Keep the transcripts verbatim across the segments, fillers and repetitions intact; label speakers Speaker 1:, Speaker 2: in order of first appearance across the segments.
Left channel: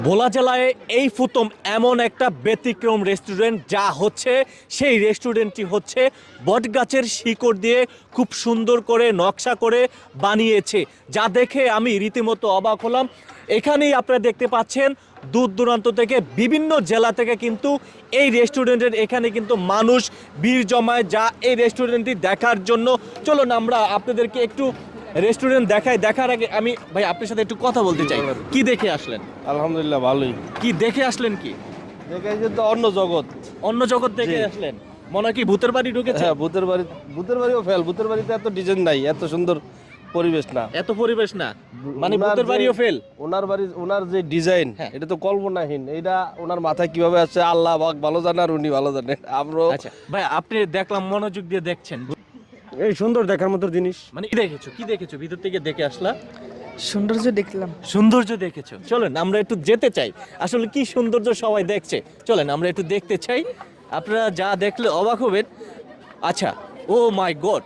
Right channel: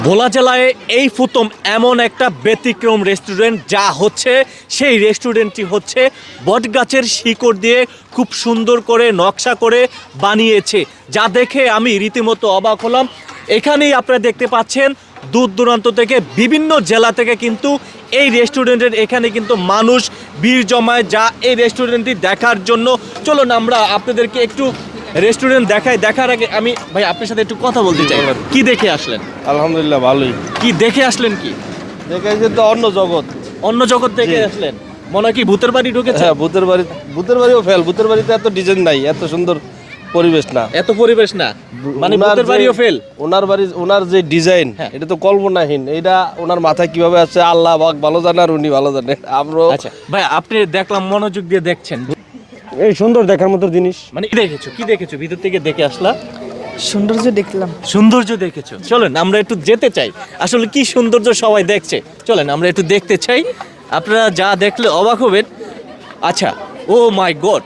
Speaker 1: ভোলা জেলায় এই প্রথম এমন একটা ব্যতিক্রম রেস্টুরেন্ট যা হচ্ছে সেই রেস্টুরেন্টটি হচ্ছে বটগাছের শিকড় দিয়ে খুব সুন্দর করে নকশা করে বানিয়েছে, যা দেখে আমি রীতিমতো অবাক হলাম। এখানেই আপনারা দেখতে পাচ্ছেন দূর দূরান্ত থেকে বিভিন্ন জেলা থেকে কিন্তু এই রেস্টুরেন্টের এখানে কিন্তু মানুষ ভিড় জমায়, যা এই রেস্টুরেন্টটি দেখার জন্য। চলুন আমরা আপনাদেরকে একটু রেস্টুরেন্ট দেখাই। দেখার আগে আমি ভাই আপনার সাথে একটু কথা বলতে চাই। কি দেখে আসলেন?
Speaker 2: আলহামদুলিল্লাহ ভালোই।
Speaker 1: কি দেখে আসলেন? কি
Speaker 2: দেখে কিন্তু অন্য জগৎ,
Speaker 1: অন্য জগৎ দেখে আসলেন? মনে হয় কি ভূতের বাড়ি ঢুকেছে?
Speaker 2: হ্যাঁ ভূতের বাড়ি, ভূতের বাড়িও ফেল। ভূতের বাড়িতে এত ডিজাইন নাই, এত সুন্দর পরিবেশ না,
Speaker 1: এত পরিবেশ না, মানে
Speaker 2: ওনার
Speaker 1: ভূতের
Speaker 2: যে-
Speaker 1: বাড়িও ফেল।
Speaker 2: ওনার বাড়ি, ওনার যে ডিজাইন
Speaker 1: হ্যাঁ।
Speaker 2: এটা তো কল্পনাহীন। এটা ওনার মাথায় কিভাবে আছে আল্লাহ পাক ভালো জানে, আর উনি ভালো জানে। আমরা
Speaker 1: আচ্ছা ভাই, আপনি দেখলাম মনোযোগ দিয়ে দেখছেন,
Speaker 2: এই সুন্দর দেখার মতো জিনিস।
Speaker 1: মানে কি দেখেছো? কি দেখেছো? ভিতর থেকে দেখে আসলাম,
Speaker 3: সৌন্দর্য দেখলাম।
Speaker 1: সৌন্দর্য দেখেছো। চলেন আমরা একটু যেতে চাই, আসলে কি সৌন্দর্য সবাই দেখছে। চলেন আমরা একটু দেখতে চাই, আপনারা যা দেখলে অবাক হবেন। আচ্ছা, ও মাই গড,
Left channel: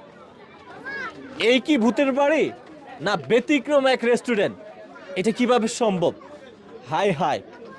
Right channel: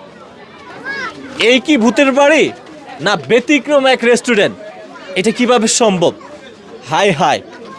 Speaker 1: এই কি ভূতের বাড়ি না ব্যতিক্রম এক রেস্টুরেন্ট? এটা কিভাবে সম্ভব? হাই হাই,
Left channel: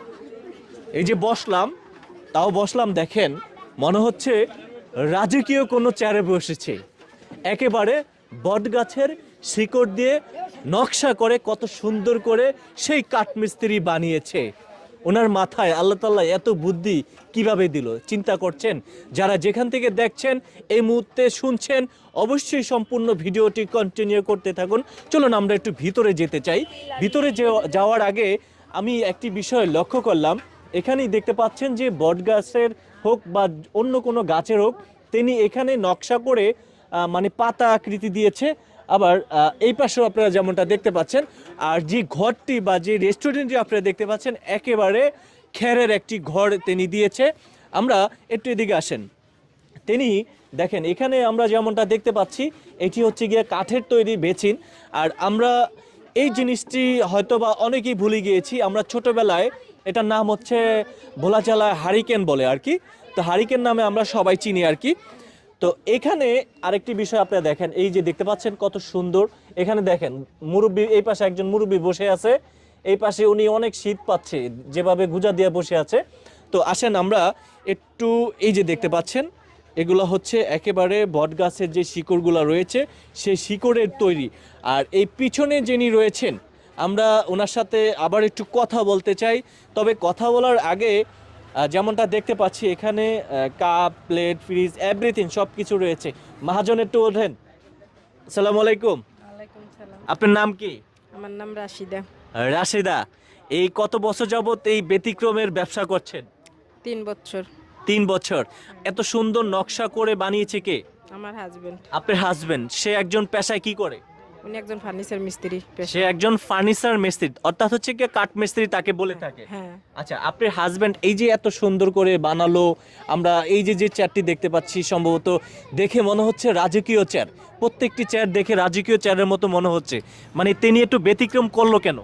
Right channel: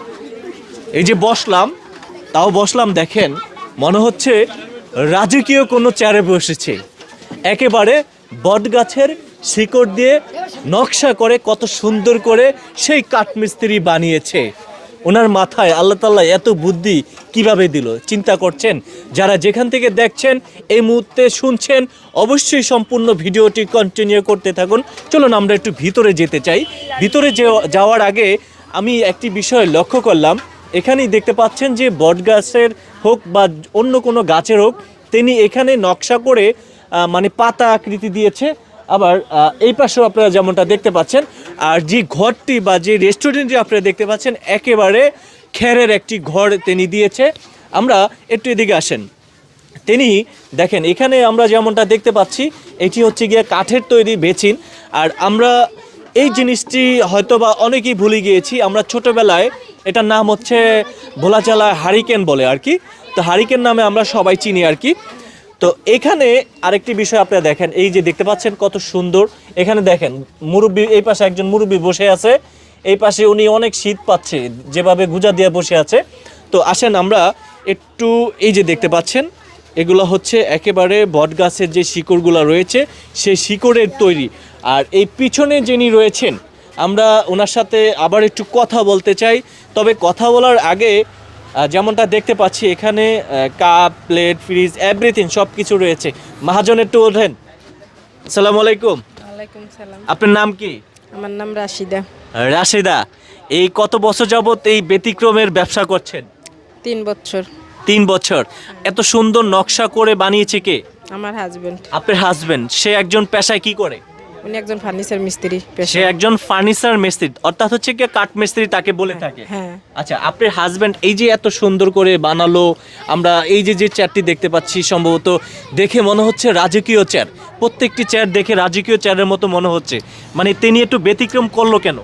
Speaker 1: এই যে বসলাম, তাও বসলাম দেখেন, মনে হচ্ছে রাজকীয় কোনো চেয়ারে বসেছে। একেবারে বটগাছের শিকড় দিয়ে নকশা করে কত সুন্দর করে সেই কাঠমিস্ত্রি বানিয়েছে। ওনার মাথায় আল্লাহ তাআলা এত বুদ্ধি কিভাবে দিল চিন্তা করছেন? যারা যেখান থেকে দেখছেন এই মুহূর্তে শুনছেন, অবশ্যই সম্পূর্ণ ভিডিওটি কন্টিনিউ করতে থাকুন। চলুন আমরা একটু ভিতরে যেতে চাই। ভিতরে যাওয়ার আগে আমি একটি বিষয় লক্ষ্য করলাম, এখানেই দেখতে পাচ্ছেন যে বটগাছের হোক বা অন্য কোনো গাছের হোক, তিনি এখানে নকশা করে আহ, মানে পাতা আকৃতি দিয়েছে। আবার আহ, এই পাশেও আপনারা যেমনটা দেখতে পাচ্ছেন, আর যে ঘরটি বা যে রেস্টুরেন্টটি আপনারা দেখতে পাচ্ছেন একেবারে খেরের একটি ঘর তিনি দিয়েছে। আমরা একটু এদিকে আসেন। তিনি দেখেন এখানে আমরা যেমনটা দেখতে পাচ্ছি, এটি হচ্ছে গিয়ে কাঠের তৈরি বেচিন। আর আমরা এই জিনিসটি হয়তো বা অনেকেই ভুলে গিয়েছি। আমরা ছোটোবেলায় এটার নাম হচ্ছে ভোলা জেলায় হারিকেন বলে আর কি, তো হারিকেন নামে আমরা সবাই চিনি আর কি। তো এখানে আরেকটি বিষয় আপনারা দেখেন, এই যে দেখতে পাচ্ছেন কত সুন্দর। এখানে দেখেন মুরব্বী, এই পাশে একজন মুরব্বী বসে আছে, এই পাশে উনি অনেক শীত পাচ্ছে যেভাবে গুজা দিয়ে বসে আছে। তো আসেন আমরা একটু, এই যে দেখতে পাচ্ছেন এগুলো হচ্ছে একেবারে বটগাছের যে শিকড়গুলো রয়েছে সেই শিকড়ের তৈরি। আর এই পিছনে যিনি রয়েছেন, আমরা ওনার সাথে আবার একটু কথা বলতে চাই। তবে কথা বলার আগে আহ, যেমনটা দেখতে পাচ্ছি এখানে কাপ, প্লেট, ফ্রিজ, এভরিথিং সব কিছু রয়েছে। মহাজন একটু ওঠেন। আসসালামু আলাইকুম।
Speaker 3: ওয়ালাইকুম সালাম।
Speaker 1: আপনার নাম কি?
Speaker 3: আমার নাম রাশিদা।
Speaker 1: রাশিদা, এই কত বছর যাবত এই ব্যতিক্রমের ব্যবসা করছেন?
Speaker 3: তিন বছর।
Speaker 1: তিন বছর। এত সুন্দর নকশা করে বানিয়েছে কে?
Speaker 3: আমার হাজবেন্ড।
Speaker 1: আপনার হাজবেন্ড, সে একজন পেশায় কি করে?
Speaker 3: উনি একজন ফার্নিচার মিস্ত্রি
Speaker 1: সে
Speaker 3: পেশায়।
Speaker 1: একজন ফার্নিচার মিস্ত্রি, অর্থাৎ হচ্ছে কি কাঠ মিস্ত্রি তাকে বলে থাকে।
Speaker 3: হ্যাঁ।
Speaker 1: আচ্ছা, আপনার হাজবেন্ড এই যে এত সুন্দর করে বানালো, আমরা এই যে যে চেয়ারটি দেখতে পাচ্ছি সম্ভবত দেখে মনে হচ্ছে রাজকীয় চেয়ার। প্রত্যেকটি চেয়ার দেখে রাজকীয় চেয়ারের মতো মনে হচ্ছে, মানে তিনি একটু ব্যতিক্রম করলো কেন?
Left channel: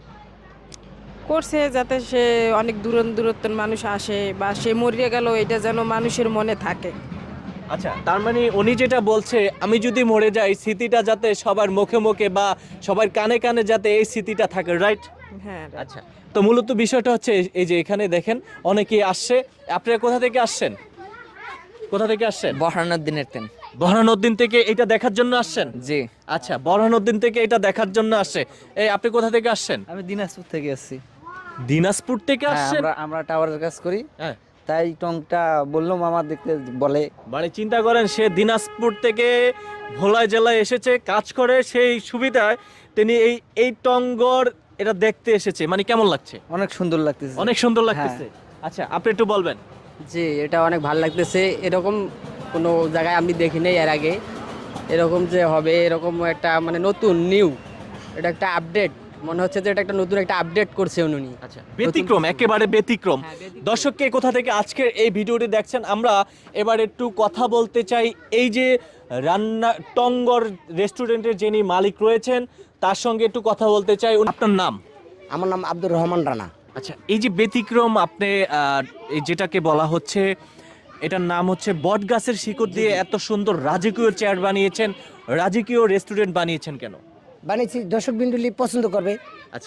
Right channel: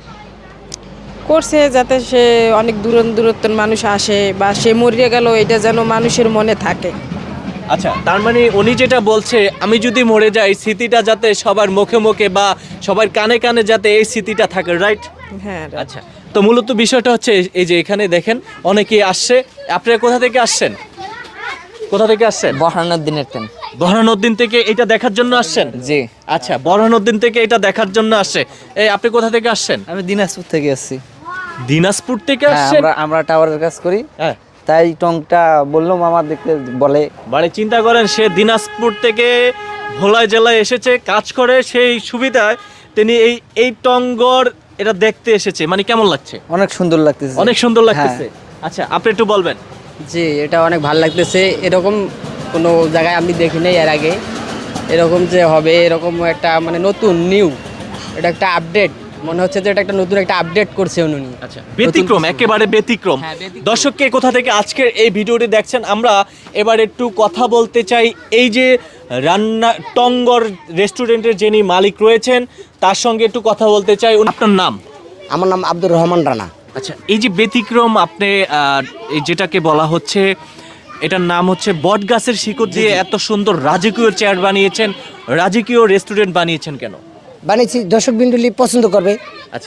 Speaker 3: করছে যাতে সে অনেক দূর দূরত্বের মানুষ আসে, বা সে মরিয়ে গেল এটা যেন মানুষের মনে থাকে।
Speaker 1: আচ্ছা, তার মানে উনি যেটা বলছে, আমি যদি মরে যাই স্মৃতিটা যাতে সবার মুখে মুখে বা সবার কানে কানে যাতে এই স্মৃতিটা থাকে, রাইট?
Speaker 3: হ্যাঁ।
Speaker 1: আচ্ছা, তো মূলত বিষয়টা হচ্ছে এই যে এখানে দেখেন অনেকেই আসছে। আপনারা কোথা থেকে আসছেন? কোথা থেকে আসছেন?
Speaker 4: বহানোর দিনের তেন।
Speaker 1: বরহানুদ্দিন থেকে এটা দেখার জন্য আসছেন?
Speaker 4: জি,
Speaker 1: আচ্ছা, বরহানুদ্দিন থেকে এটা দেখার জন্য আসছে। এই আপনি কোথা থেকে আসছেন?
Speaker 4: আমি দিনাজপুর থেকে আসছি।
Speaker 1: দিনাজপুর থেকে
Speaker 4: হ্যাঁ,
Speaker 1: আসছেন?
Speaker 4: আমরা আমরা টাওয়ারের কাজ করি,
Speaker 1: হ্যাঁ।
Speaker 4: তাই টংটা বললাম আমার দেখতে বলে।
Speaker 1: মানে চিন্তা করেন, সে দিনাজপুর থেকে ভোলা জেলায় এসেছে কাজ করে, সেই সুবিধায় তিনি এই এই টঙ্গর এটা দেখতে এসেছে। মানে কেমন লাগছে?
Speaker 4: অনেক সুন্দর লাগতেছে।
Speaker 1: অনেক সুন্দর লাগতেছে। আচ্ছা, আপনি একটু বলবেন।
Speaker 5: জি, এটা অনেক ভালো লাগতেছে। এরকম কোনো জায়গায় আমি দেখি নাই এর আগে, এরকম যে হবে এরকম একটা মানে নতুন নিউ, এটা একটা আপডেট মনে হচ্ছে যে এটা একটা নতুন একটা আপডেট করছে উনি।
Speaker 1: আচ্ছা, ব্যতিক্রম, একেবারে ব্যতিক্রম।
Speaker 5: হ্যাঁ, ব্যতিক্রম।
Speaker 1: দর্শককে কোথা থেকে আজকের এই ভিডিওটি দেখছেন, আমরা এবার একটু কথা বলতে চাই এই যে রান্না টঙ্গর রেস্টুরেন্টের যিনি মালিক রয়েছেন তার সঙ্গে একটু কথা বলতে চাই। আপনার নাম?
Speaker 6: আমার নাম আব্দুর রহমান রানা।
Speaker 1: আচ্ছা, এই যে ব্যতিক্রম আপনি আহ, এই যেটাকে বলা হচ্ছে, এটার নাম হচ্ছে বটগাছের শিকড় দিয়ে এত সুন্দর রাজকীয় চেয়ার বানিয়েছেন, রাজকীয় রেস্টুরেন্ট বানিয়েছেন কেন?
Speaker 6: বানিয়েছি দর্শক বিন্দুলি পছন্দ করবে।
Speaker 1: আচ্ছা,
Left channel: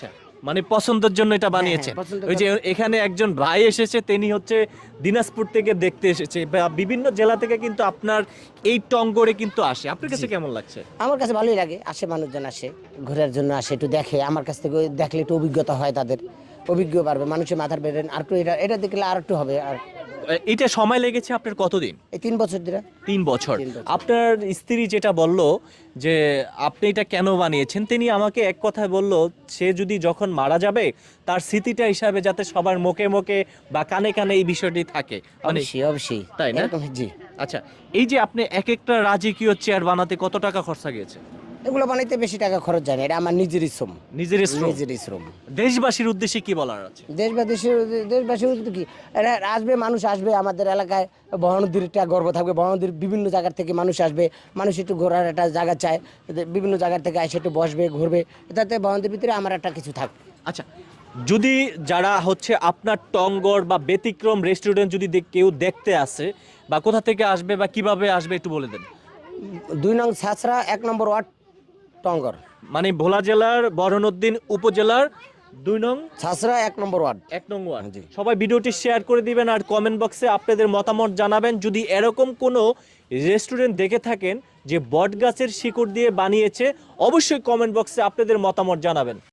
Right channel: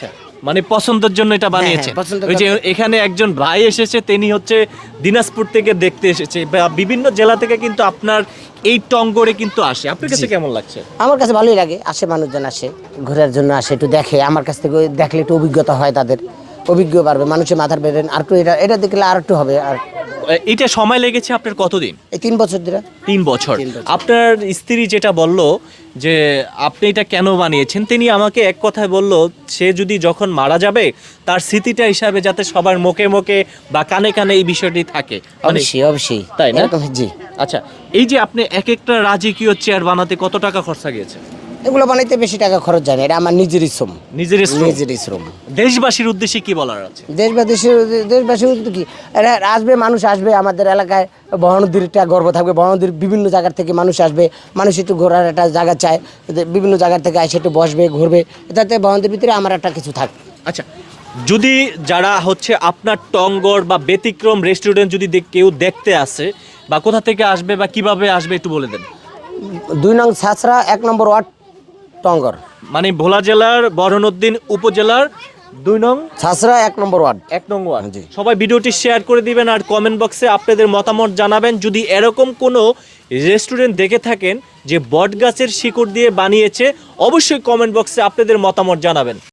Speaker 1: মানে পছন্দের জন্য এটা বানিয়েছেন
Speaker 6: হ্যাঁ, পছন্দ
Speaker 1: ওই যে এখানে একজন ভাই এসেছে, তিনি হচ্ছে দিনাজপুর থেকে দেখতে এসেছে বা বিভিন্ন জেলা থেকে কিন্তু আপনার এই টঙ্গরে কিন্তু আসে। আপনার কাছে কেমন লাগছে?
Speaker 6: আমার কাছে ভালোই লাগে, আসে মানুষজন আসে ঘোরার জন্য, আসে একটু দেখে, আমার কাছ থেকে দেখলে একটু অভিজ্ঞতা হয়, তাদের অভিজ্ঞ বাড়বে, মানুষের মাথার বেরেন আর একটু এটা এটা দেখলে আর একটু হবে। আর
Speaker 1: এটা সময় লেগেছে আপনার কতদিন?
Speaker 6: এই তিন বছর ধরে
Speaker 1: তিন বছর। আপনার স্ত্রী যেটা বলল যে আপনি এটা কেন বানিয়েছেন, তিনি আমাকে এক কথায় বলল, সে যদি যখন মারা যাবে তার স্মৃতিটা হিসাবে যাতে সবার মুখে মুখে বা কানে কানে এই বিষয়টি থাকে। মানে
Speaker 6: অবশ্যই অবশ্যই
Speaker 1: তাই না?
Speaker 6: এরকম, জি।
Speaker 1: আচ্ছা, এই যে আপনি এক একটা রাজকীয় চেয়ার বানাতে কত টাকা খরচা গিয়েছে?
Speaker 6: এগুলো বানাইতে বেশি টাকা খরচ যায় না, এটা আমার নিজেরই শ্রম,
Speaker 1: নিজের শ্রম।
Speaker 6: নিজেরই শ্রম।
Speaker 1: দেশবাসীর উদ্দেশ্যে কি বলার আছে?
Speaker 6: দেশবাসীর দেশবাসী বলতে কি, এরা আসবে, মানুষ আসবে আমাদের এলাকায়, বহনদীর একটা গর্ব থাকবে, বহনদীর বিভিন্ন জায়গার থেকে মানুষ আসবে, মানুষ একটু ঘোরার একটা জায়গা চায়, বিভিন্ন জায়গার থেকে এসে একটু বসবে, ঘুরবে, যাতে বহনদীর ভিতরে আমার একটা কিছু থাকবে।
Speaker 1: আচ্ছা, যদি যারা হচ্ছে আপনার টঙ্গর বা ব্যতিক্রম রেস্টুরেন্ট যদি দে- কেউ দেখতে আসে বা কোথা থেকে আসবে বা কিভাবে আসবে একটু বলে দেন।
Speaker 6: দুই নং ছাছড়া, এক নম্বর ওয়ার্ড, টঙ্গর।
Speaker 1: মানে ভোলা জেলার বরহনউদ্দিন উপজেলার দুই নং
Speaker 6: ছাছড়া এক নম্বর ওয়ার্ড।
Speaker 1: এক নং ওয়ার্ড।
Speaker 6: জি।
Speaker 1: সবাই ভিডিওটি শেয়ার করে দিবেন আর কমেন্ট বক্সে আপনাদের মতামত জানাবেন। যদি এরকম কোনো রেস্টুরেন্ট দেখে থাকেন যে বট গাছের শিকড় দিয়ে বানিয়েছে, অবশ্যই কমেন্ট বক্সে আপনাদের মতামত জানাবেন।